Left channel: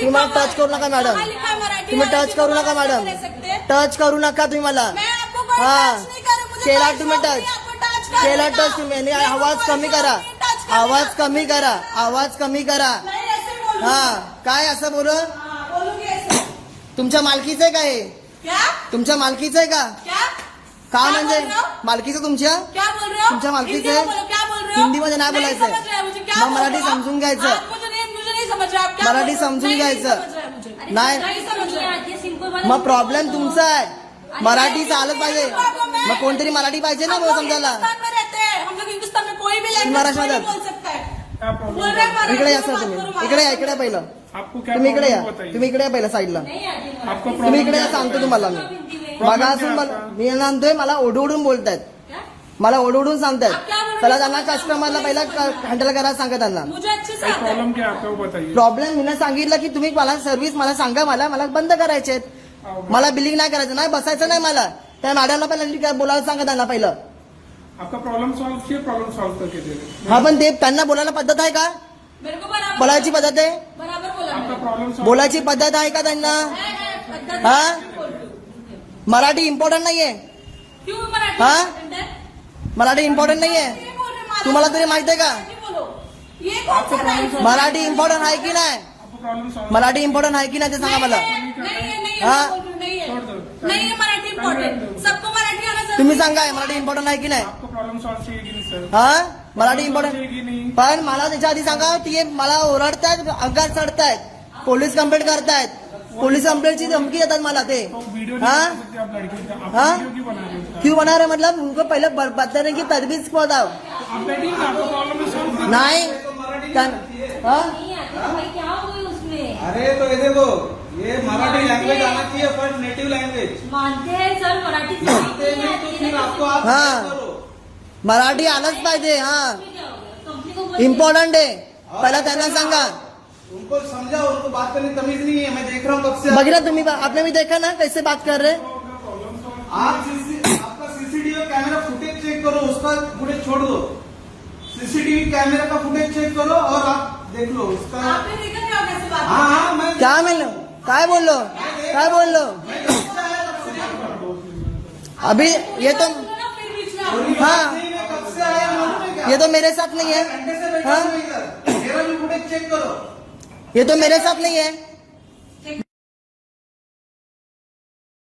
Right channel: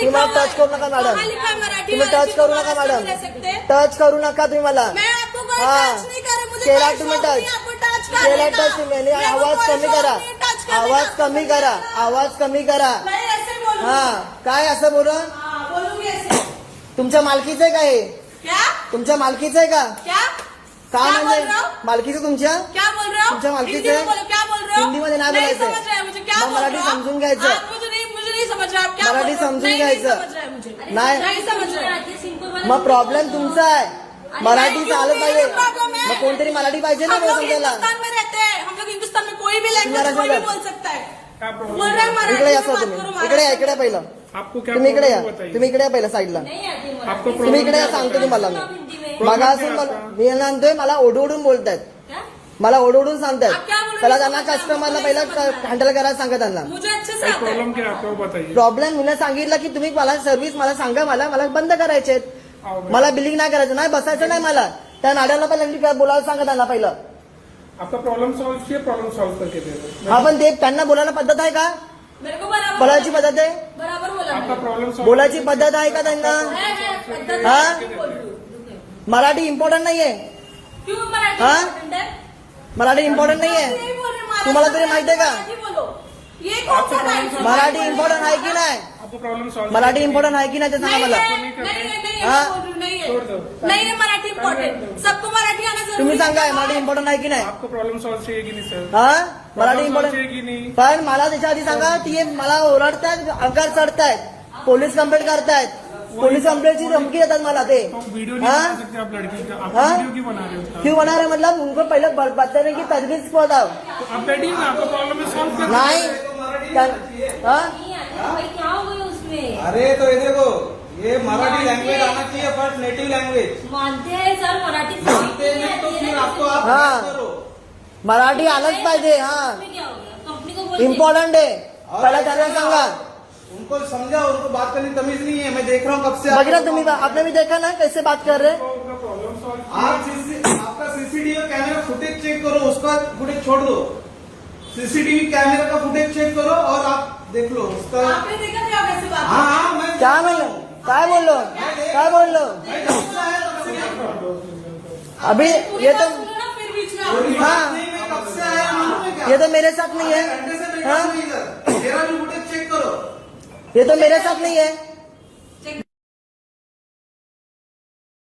तुम्हाला टच करू नका मॅडम, तुम्ही टच करू नका मॅडम, टच करू नका तुम्ही मला. हाँ केला तुम्ही टच, केला टच तुम्ही. आवाज कमी करा, आवाज कमी करा, आवाज कमी करा. हा काय असं बोल, तुमच्या मालकीचं आहे का हे? तुमच्या मालकीचं आहे का? काय म्हणजे मालकीचं तुमच्या? तुमच्या मालकीचं? हिंदीमध्ये नाही बोलायचं, मग मराठी समजून घ्यायचं, मराठी समजून घ्यायचं. नाही मग प्रॉब्लेम तुमचा आहे, मराठी चालत पाहिजे, मग कोणतरी मराठी पाहिजे ना बोल समजायला. इकडे या तुम्ही, इकडे या, इकडे पहिलं तुम्ही, इकडे या तुम्ही, इकडे या पहिलं साईडला तुम्ही, इकडे या सांगतो तुम्हाला मी. बघा असून मी नंतर मला ओढवडून बोलतायत, मला ओढवडून सांगतात. त्याला त्यांना कस्टमरला पहिला हँडल करायला सांगा त्यांना. प्रॉब्लेम मी सांगितलं की तुम्ही मला सर्व्हिस मला सांगा, मला बंद करायचे, मला बिलिंग नाही करायचं, नाही बसायचं नाही मला. त्या मॅडमला पहिला बोलायला सांगा त्यांना पहिलं. आपका प्रॉब्लम सॉल्व करके दे रहे. हा पण ते त्यांना बोलायला पद्धत आहे का? बोलायची पद्धत आहे, आपका प्रॉब्लम बोलायची पद्धत आहे का त्यांना? हा मराठी इम्पॉर्टंट नाहीये, हा मराठी इम्पॉर्टंट नाहीये, तुम्हाला तरी माहिती आहे का? मराठी इम्पॉर्टंट आहे की नाही? मराठी इम्पॉर्टंट आहे की नाही ते सांगा मला. मराठी इम्पॉर्टंट, सबको मराठी आना जरूरी. तुम्ही सांगा मराठी इम्पॉर्टंट आहे की नाही? आपको प्रॉब्लम सॉल्व चाहिए की नहीं सर? हा मराठी की इम्पॉर्टंट, नहीं? पण मला त्याच्या आधी सांगा ती मला ओरडतायत, अंगात चढतायत, पोलीस कंप्लेंट करतायत, पोलीस कंप्लेंटची धमकी देतात मला ते. वीडियो नहीं बना सकते आप लड़की का, आप वीडियो क्यों बना रहे हो उसका? क्यों बना रहे मतलब उनको पहले बताने की तजवीज को बताओ. आप बैठिए ना, आपका प्रॉब्लम सॉल्व नहीं हाँ क्या हो गई उसमें? अरे तो ये देखो, ये मराठी लैंग्वेज आना चाहिए, फर्स्ट नेटिव लैंग्वेज. मानते हैं सर, मराठी मानते नहीं तो फिर आपको आप हाँ. करो. मराठी आलंच पाहिजे. हा इम्पॉर्टंट आहे, पहिला त्यांना सांगा. उनको समझाओ, उनको बात करने की तमीज नहीं है. मैं देख रहा हूँ कब से. बघितलं तुम्ही, आपने भी देखा ना कैसे बात कर रहे. आपका सीसीटीवी कैमरा फुटेज चेक करो, उसका फुटेज छोड़ दो. सीसीटीवी कैमरा का फुटेज चेक करो और आप देख लो उसका. आपने देखा नहीं होगा कैसे बात. हाँ मैं क्या बोललो, काय बोललो, काय बोललो अभी? ये तो फिर बीच में हाँ कब से आया मालूम है क्या? ये तो मेरे साथ नहीं है. घंटे से बैठा हाँ हूँ इधर. मेरा भी फुटेज चेक करो. ये तो मेरे साथ नहीं है.